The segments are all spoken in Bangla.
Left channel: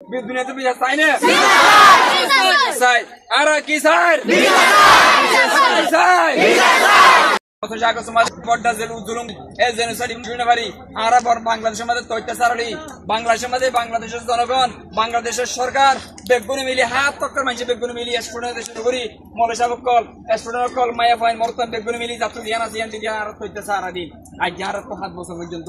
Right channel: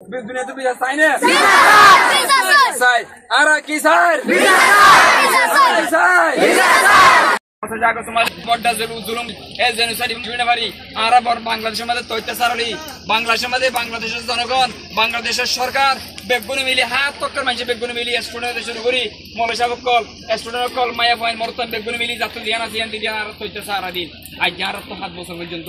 দুনিয়া তো বিচার চাই না চাই আর কি স্যার বাংলাদেশের মধ্যে বাংলাদেশের মধ্যে বাংলাদেশের জনগণ বাংলাদেশের সরকার বেগুনে মিলি হাত তক্কর মানুষ বেগুনে মিলি স্টুডেন্ট দেশের উপরি মলেশা কল স্টুডেন্ট কল মায়া ফাইন মরতাম বেগুনে মিলি যাতে ধ্যান আছে আর তৈতে সারা দিন আজ আর তো 7 বছর পর্যন্ত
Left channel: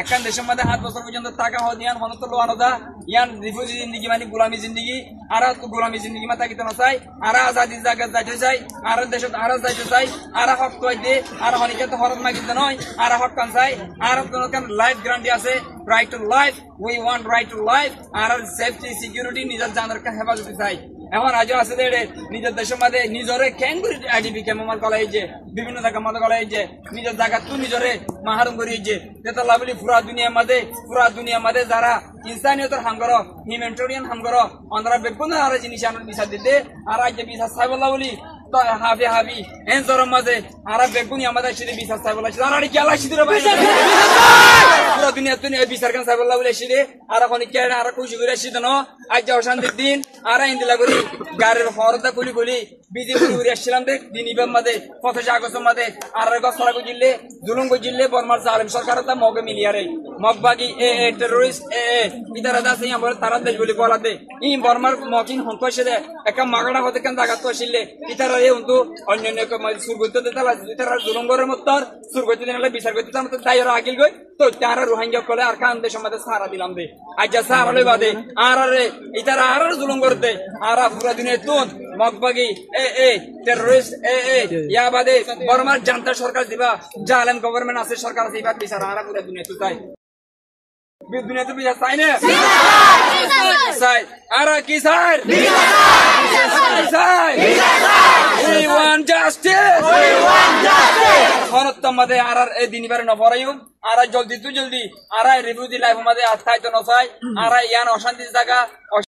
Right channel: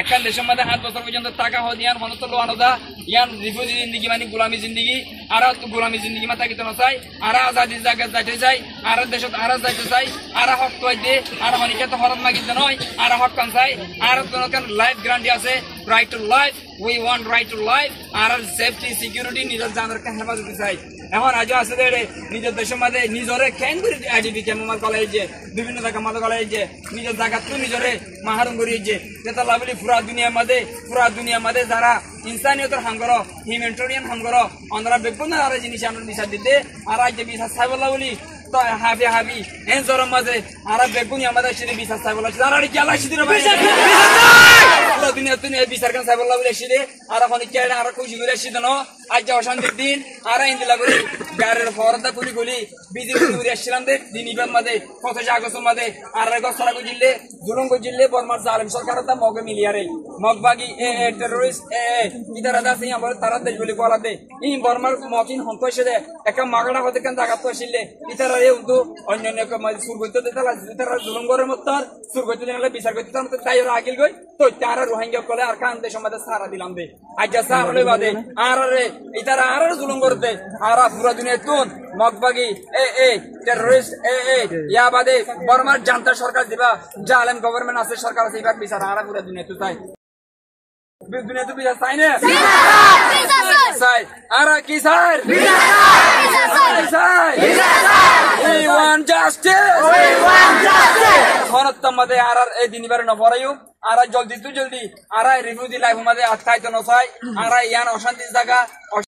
একখান দেশের মধ্যে 7 বছর পর্যন্ত টাকা হদিয়ান হনত লোয়ানোদা ইয়ান রিফিউজি জিন্দগি মানে গোলামি জিন্দগি আর তো গোলামি জিন্দগি মাথা কিতে না চাই আর আজাদি জায়গা যাইতে চাই আর দেশত আর যাইতে চাই আর হক কইতে আর হনিকে তো হরত মাগিতে নয় আর হক কান চাই আর কোন লাইফ গ্যারান্টি আছে right to life we want right to life আর সেফটি সিকিউরিটি নিজের জানের হেফাজতে চাই এখন আজও আছে যে নিজের দেশের মধ্যে নিজরে ক্যাঙ্গুরি আইডিপি কেমন কলাই যে বিভিন্ন জায়গা মতো কলাই যে নিজের জায়গা তো নিজরে মাহারুম করি যে যেটা লাভলি পুরা দুনিয়ার মধ্যে যারা ইনসানিয়তের হামগর হিউম্যানিটেরিয়ান হামগর অন্ধ্রা বেগুন আর জিনিস আমরা বিচার দিতে আর আজ যে বিচার সাইবল্লা বলি হাবি হাবি এন জোর মাঝে আর বেগুনি আমাদের সেটা বিচার সাইবল্লা আর কি আল্লাহ সিদির ভাই পুরা দুনিয়া বিচার কেন সাইবল্লা বলে এসে আর এখন কে আর খুশি করে এসে দেন আজ যে অশান্তির দিন আর ইন্দিলা করি গাড়ির হরদা কুলি কুলি বিজি কুলি করে আসছিলাম দে দিন ইবাম মাঝে 25 আগস্টের মাঝে আর গছরা গুজিলে জুলুম গুজিলে বর্মার জালিম সরকার তা মগে মিলিয়ারে মগবাগি টেররিস্ট ইদারা দাস আমার তারা দেশ বলি বলা দে ই বর্মার মকিন হন্ত এসে দে একটা মাগড়া হতে কেন জায়গা তো আসলে ইতারা কিন্তু অন্যান্য সুরগত দিতালা ইতারা জুলুম গরের মতর সুরগত দিনালে বিচার করতে তার মত তাইরা আগিল গই তো তারা রোহিঙ্গা কলে আর কান দেশের মধ্যে সারা দিলাম দে আজ সারা লই বাদে আর রে ইতারা আর জুলুম করতে আর পুরো দিনে তুন মগবাগি টেররিস্ট ইয়া বাদে বর্মার জান্তা সরকার দিবা জালেম গভর্নমেন্ট আছে সরকার আছে এবার বিচার আর পুরো দুনিয়া তো তাই দুনিয়া তো বিচার চাই না চাই আর কি স্যার We want justice. মধ্যে আর এই দিনবার নভরাইম আর জলদি আর রিভিউ দি লাইফ মধ্যে আত্মাইতো নসাই আর ইয়ান অশান্তি জায়গা